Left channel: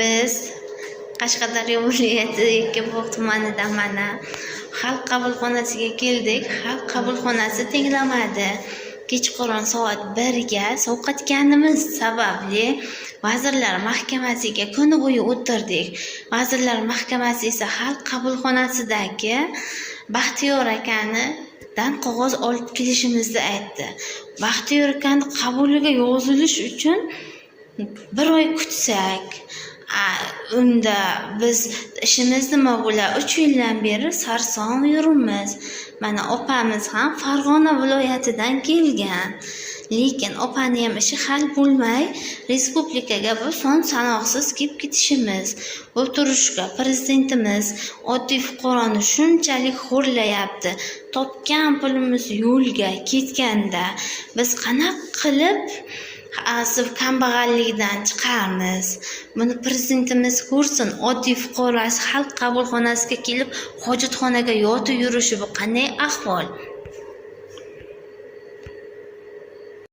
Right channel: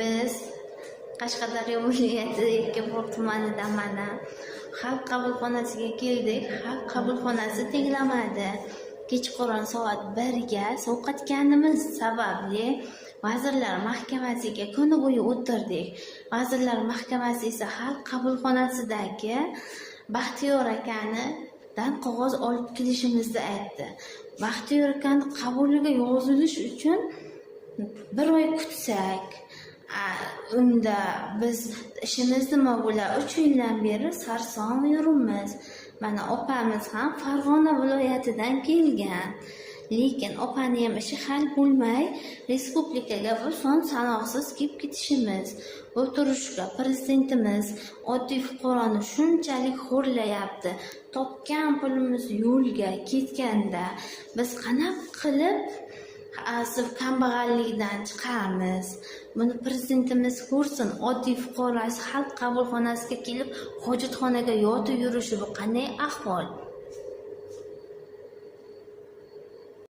Biz Qashqadaryo viloyati Yakkabog' tumanidan mana xalq qabulxonasiga keldik. Xalq qabulxonasi tenglamadi. Kechqurun soat 1 ga sovqatganimiz sababli Vazirlar Mahkamasiga kun bo'yi o'tirdik. Vazirlar Mahkamasi esa xalq qabulxonasidagi Baxtiyor akanidan qog'oz olib kelishimizni aytdi. Baxtiyor akani qabuliga yozilish uchun 1 oy kutsak, unda biz ishimiz nima bo'lar? 3 yildan beri sarson yuribmiz. Mana opamiz ham Farg'ona viloyatidan kelgan. Lekin opani ham ishi hal bo'lmay, respublikaga bu son sanoqsiz kelib ketishimiz. Bu turishga prezidentimiz oddiy fuqaroni shunchalik xo'rlayapti. Topgan pulimiz yo'lga ketganda biz qanaqa qilib kambag'allikdan chiqamiz? Buni prezidentimiz ko'rsin. Oddiy fuqarosi xalq qabulxonasiga kelib hojatxonaga yotib yurishi bu qanday ahvol?